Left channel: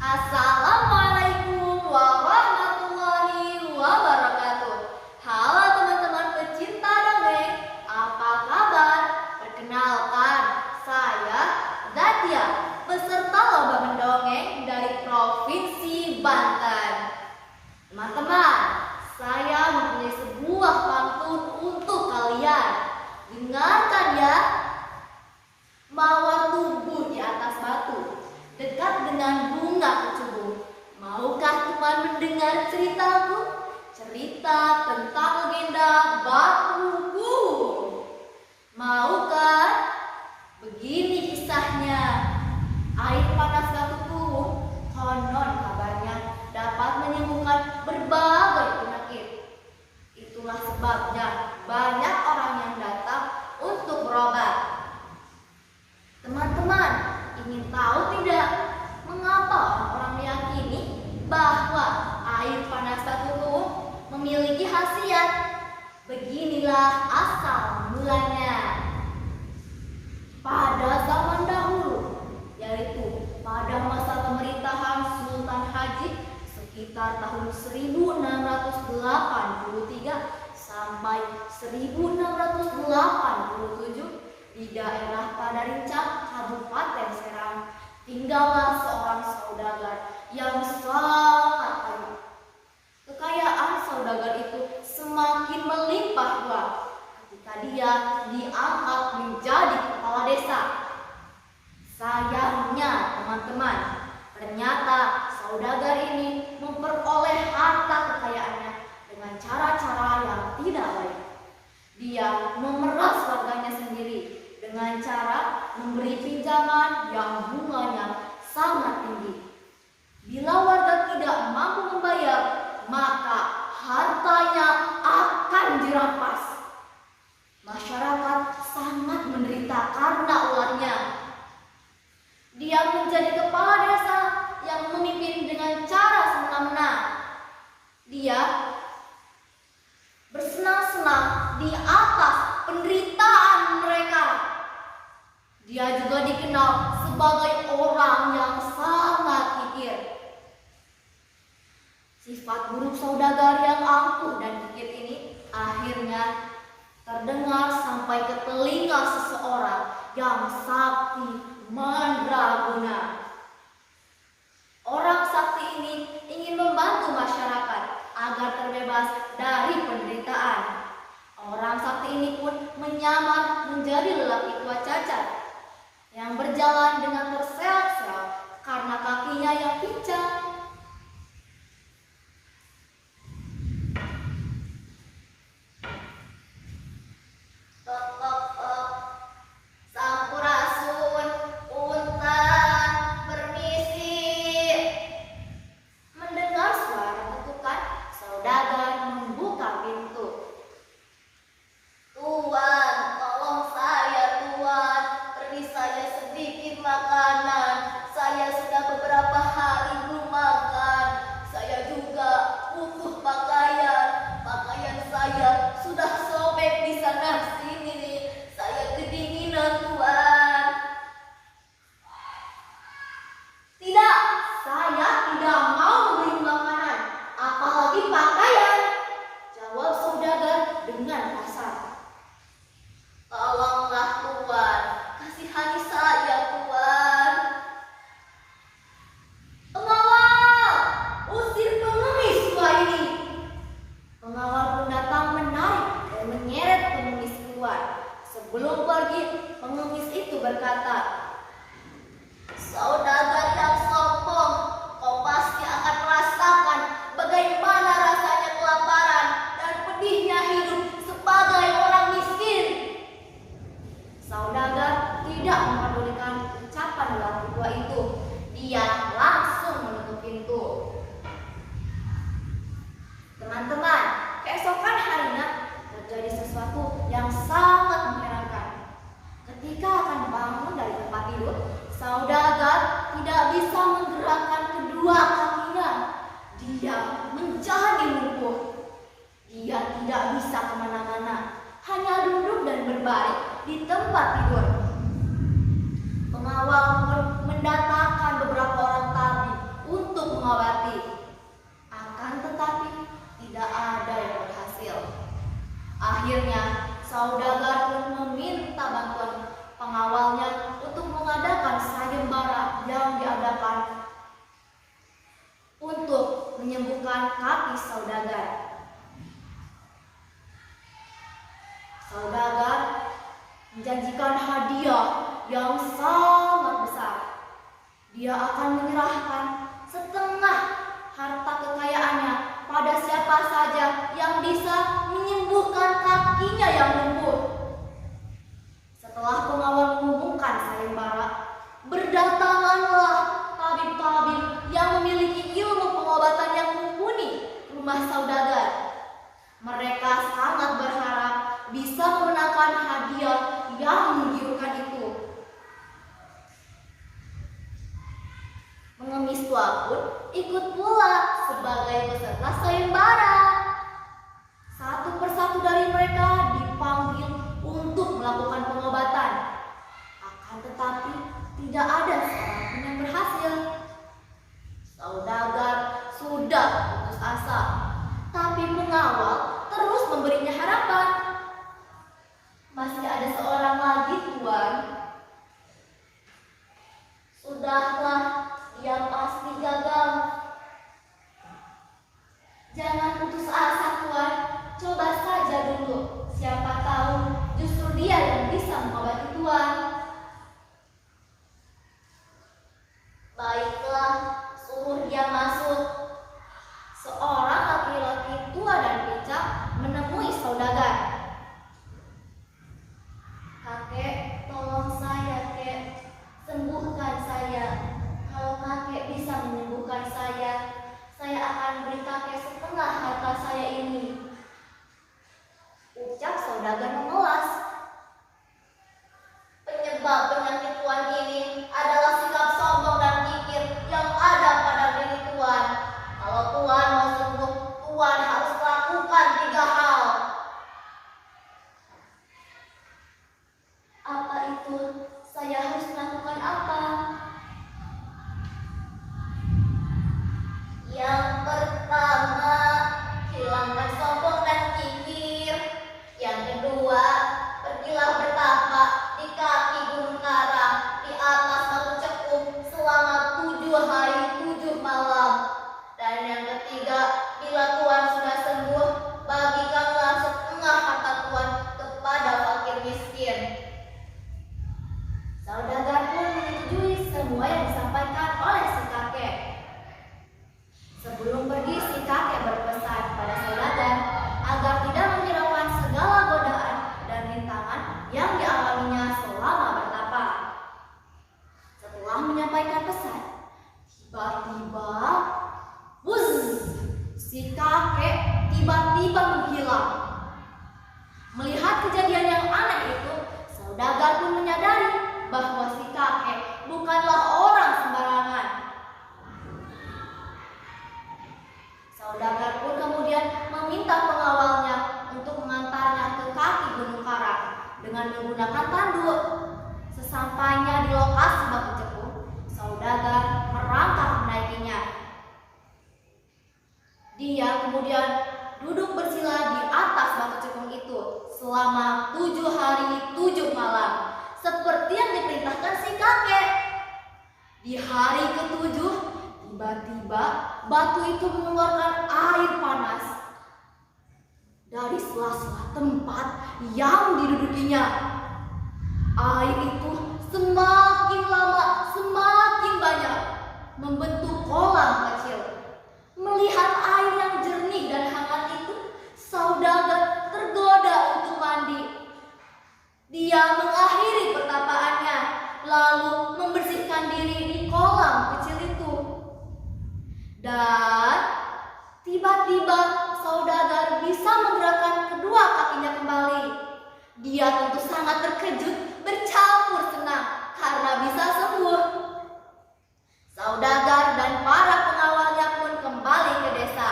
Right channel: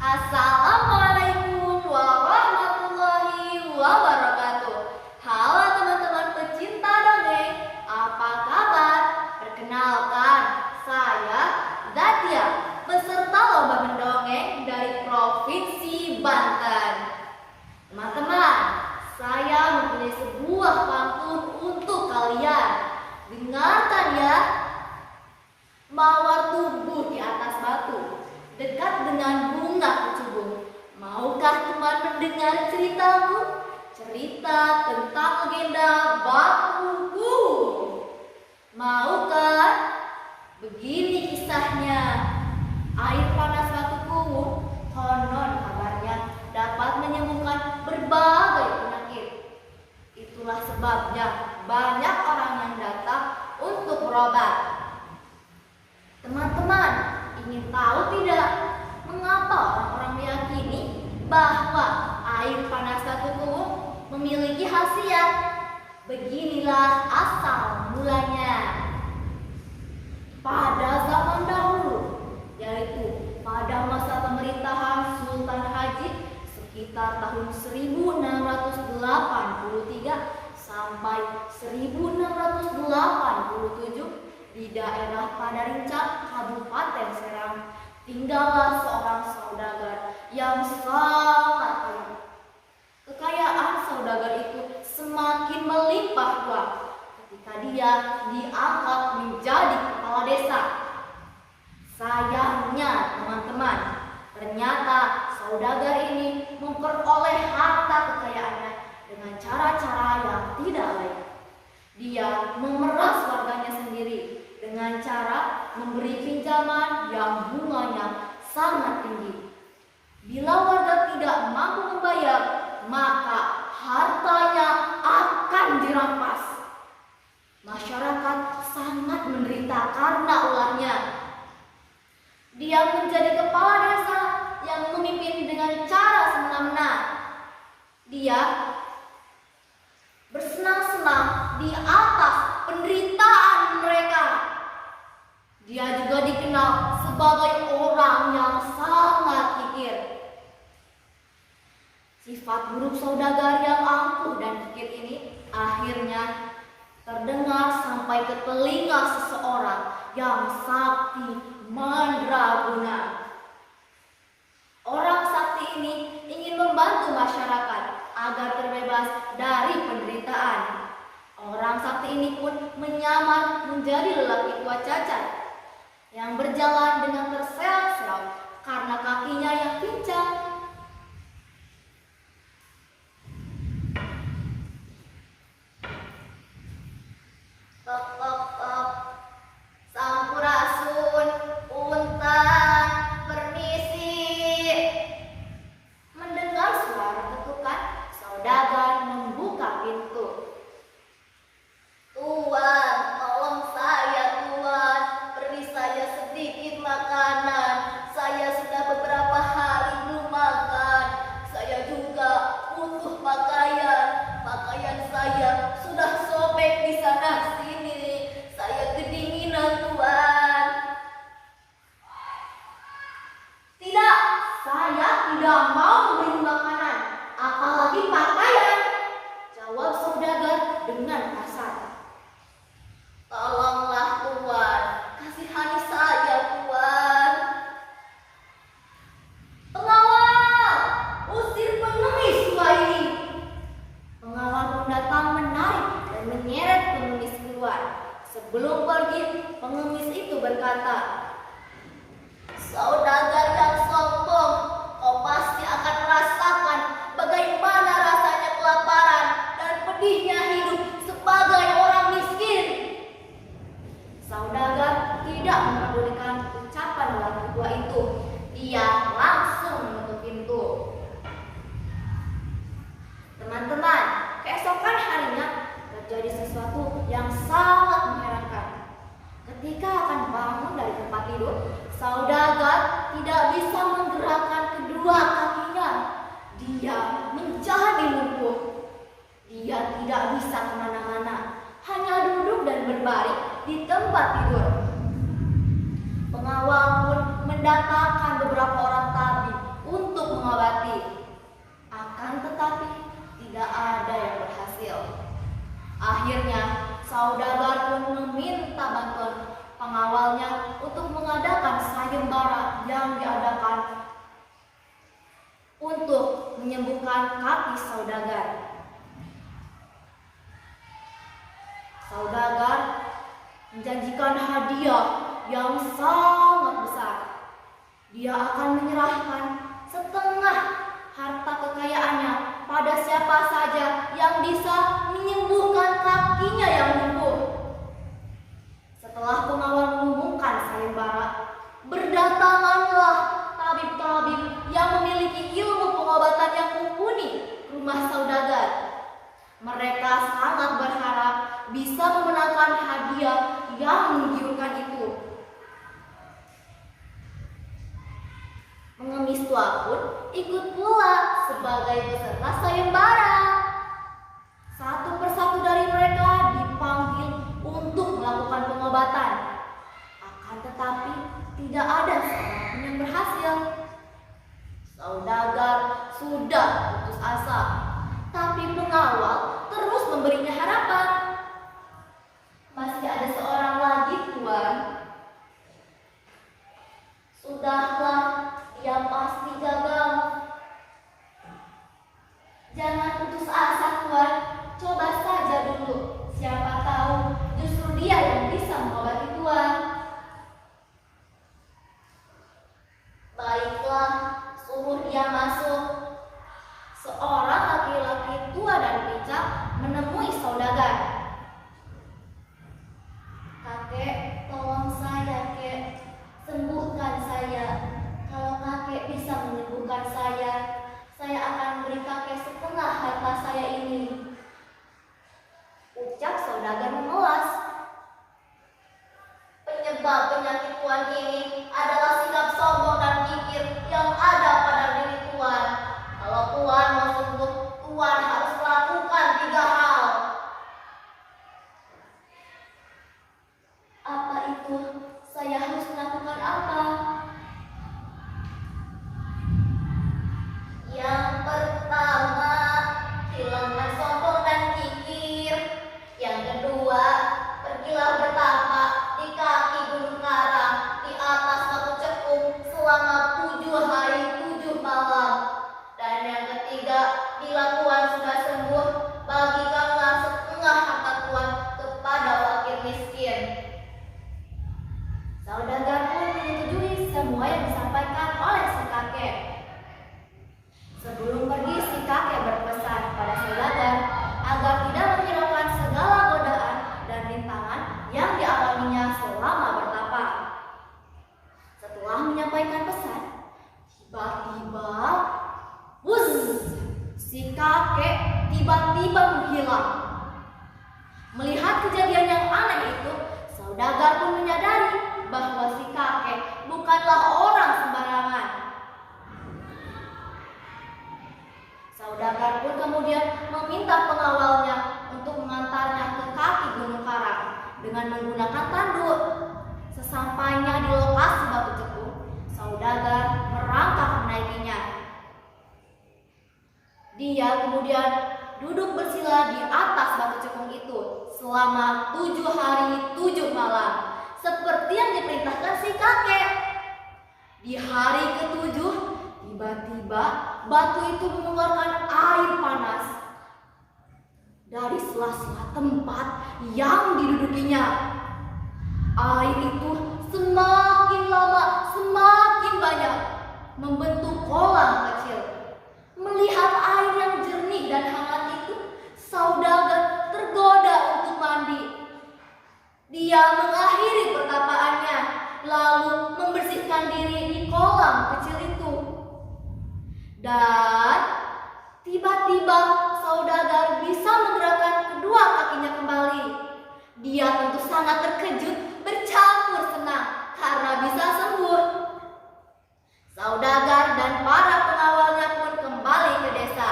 Assalamualaikum warahmatullahi wabarakatuh. Halo teman-teman pecinta dongeng, apa kabar? Perkenalkan, saya Zatia, peserta lomba mendongeng dari Provinsi Banten. Teman-teman, saya mempunyai sebuah pantun untuk kalian. Dengarkan ya. Mawar tumbuh di atas batu, dekat dengan bunga kecubung. Maukah teman mendengar ceritaku? Cerita tentang legenda Batu Kuhung. Mau kan? Begini kisahnya. Air panas Batu Kuhung konon kabarnya dapat menyembuhkan berbagai penyakit. Itulah sebabnya banyak orang yang datang untuk berobat. Teman-teman, ingin tahu tidak mengapa orang-orang meyakini bahwa air panas Batu Kuhung memiliki khasiat? Beginilah asal mulanya. Pada zaman dahulu, yaitu pada masa pemerintahan Sultan Hajib sekitar tahun 1683 sampai 1687, di daerah Padarincang, Kabupaten Serang, tinggallah seorang saudagar yang sangat kaya. Kekayaan saudagar itu semakin melimpah ruah ketika dia diangkat menjadi kepala desa. Sayangnya teman-teman, ternyata saudagar ini memperoleh harta kekayaannya dengan cara-cara yang tidak baik. Dia memeras warganya sendiri dengan cara memberi pinjaman yang bunganya sangat tinggi. Bila warga tidak mampu membayar, maka hartanya akan dirampas. Masyarakat sangat menderita karena ulahnya. Dia menjadi kepala desa yang memimpin dengan cara semena-mena. Dia bersenang-senang di atas penderitaan mereka. Dia juga dikenal sebagai orang yang sangat kikir. Sifat buruk saudagar yang angkuh dan kikir ini akhirnya terdengar sampai ke telinga seseorang yang sakti mandraguna. Orang sakti ini ingin membantu masyarakat agar terbebas dari penderitaan. Orang sakti ini pun menyamar menjadi lelaki tua cacat yang berjalan dengan terseok-seok karena kakinya yang pincang. Tok tok tok, sampurasun, punten, permisi. Mendengar suara ketukan, saudagar membuka pintu. Tuan, tolong saya tuan, beri saya sedikit makanan. Saya sudah beberapa hari belum makan. Saya juga butuh pakaian. Pakaian saya sudah sobek di sana sini. Saya kedinginan tuan. Tidak, saya tidak mau memberi makanan, apalagi pakaian, jawab saudagar dengan kasar. Tolonglah tuan, kasihani saya tuan. Pengawal, usir pengemis tua ini. Pengawal pun datang menarik dan menyeret pengemis keluar. Sebelum pergi, pengemis itu berkata, saudagar yang sombong, kau pasti akan merasakan bagaimana rasanya kelaparan dan pedihnya hidup sebagai orang miskin. Saudagar tidak mempedulikan ucapan lelaki tua itu. Dia langsung menutup pintu. Teman-teman, keesokan harinya terjadi sesuatu yang sangat mengherankan. Ketika akan bangun dari tempat tidur, saudagar tidak bisa menggerakkan kedua kakinya. Dia menjadi lumpuh. Dia tidak bisa kemana-mana, hanya duduk dan berbaring di tempat tidur. Pengawal pun mendatangkan beberapa orang tabib saudagar pun meminta bantuan pengawalnya untuk mengadakan sayembara yang diadakan untuk menyembuhkan kaki saudagar. Saudagar menjanjikan hadiah yang sangat besar. Dia akan menyerahkan setengah harta kekayaannya pada siapa saja yang bisa menyembuhkan kakinya yang lumpuh. Setelah pengawal mengumumkan sayembara, berdatanganlah tabib-tabib yang memiliki ilmu pengobatan yang mumpuni ke rumah saudagar. Mereka sangat berharap bisa memenangkan hadiah yang menggiurkan itu. Pengemis tua pun ikut pula sebagai peserta sayembara. Satu persatu dari mereka dipanggil untuk melakukan pengobatan. Akan tetapi tidak ada seorang pun yang berhasil. Saudagar sudah putus asa, tapi pengawal terus memberinya harapan. Masih ada seorang lagi, Tuan. Sudahlah, dia pasti gagal. Jangan putus asa, Tuan. Coba saja dulu. Siapa tahu justru dia yang bisa mengobati Tuan. Baiklah, suruh dia masuk. Seorang laki-laki tua dan bijak menemui saudagar. Kakek, tolong saya, Kek. Sembuhkan saya. Kalau kakek bisa menyembuhkan saya akan beri kakek setengah harta saya ini. Ucap saudagar memelas. Penyebab penyakit Tuan ini adalah sikap sombong dan kikir yang ada pada diri Tuan. Kalau Tuan mau sembuh, Tuan harus melakukan 3 hal. Apa itu? Saya harus melakukan apa? Yang pertama, hilangkan sombong dan kikir. Yang kedua, pergilah bertapa di kaki Gunung Karang di atas batu cekung selama 7 hari 7 malam. Dan yang ketiga, bila Tuan sudah sembuh, bagikanlah setengah harta Tuan kepada fakir miskin. Saudagar pun menyetujui semua yang disampaikan oleh si kakek. Sebelum pergi, si kakek berpesan pada saudagar agar tidak menghiraukan segala godaan dan rintangan yang dialaminya selama bertapa. Setelah menyampaikan pesan, tiba-tiba, wuz, si kakek tiba-tiba menghilang. Melihat kejadian yang aneh itu, saudagar pun menyadari bahwa si kakek bukanlah orang sembarangan. Saudagar pun kemudian meminta pengawalnya untuk mengantarnya ke kaki Gunung Karang dengan menggunakan tanduk. Sesampainya di lokasi batu cekung, saudagar merangkak menaikinya. Dia kemudian duduk bersila di atas batu cekung itu selama 7 hari 7 malam, seperti yang diperintahkan si kakek. Di hari ke-7, tiba-tiba batu itu mengeluarkan air panas dari sela-sela tempat yang didudukinya. Air itu semakin lama semakin banyak membentuk kolam kecil. Melihat air yang jernih dan hangat itu, saudagar tergoda untuk mandi. Dia mengakhiri pertapaannya, lalu membersihkan diri di kolam kecil itu. Dan tiba-tiba saudagar bisa menggerakkan kedua kakinya kembali. Dia tentu sangat terkejut, bercampur senang karena bisa sembuh. Saudagar dan para pengawalnya pun kembali ke desa.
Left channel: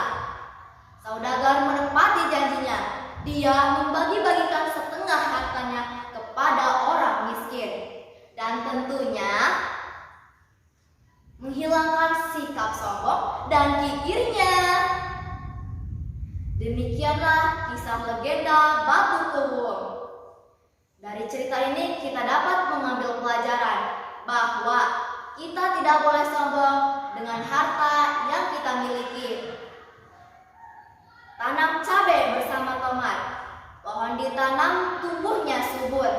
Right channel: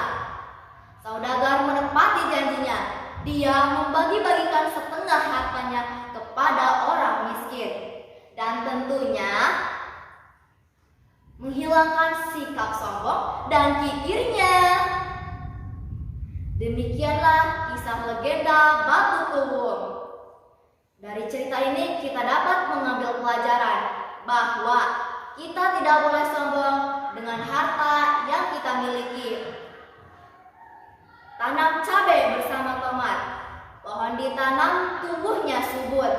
Saudagar menepati janjinya. Dia membagi-bagikan setengah hartanya kepada orang miskin. Dan tentunya menghilangkan sikap sombong dan kikirnya. Demikianlah kisah legenda Batu Kuwung. Dari cerita ini kita dapat mengambil pelajaran bahwa kita tidak boleh sombong dengan harta yang kita miliki. Tanam cabai bersama tomat. Pohon ditanam, tumbuhnya subur.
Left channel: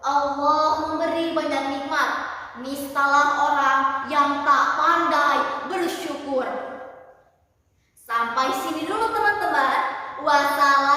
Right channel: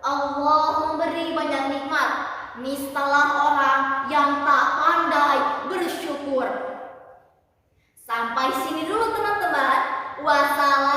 Allah memberi banyak nikmat. Nistalah orang yang tak pandai bersyukur. Sampai sini dulu teman-teman. Wassalam.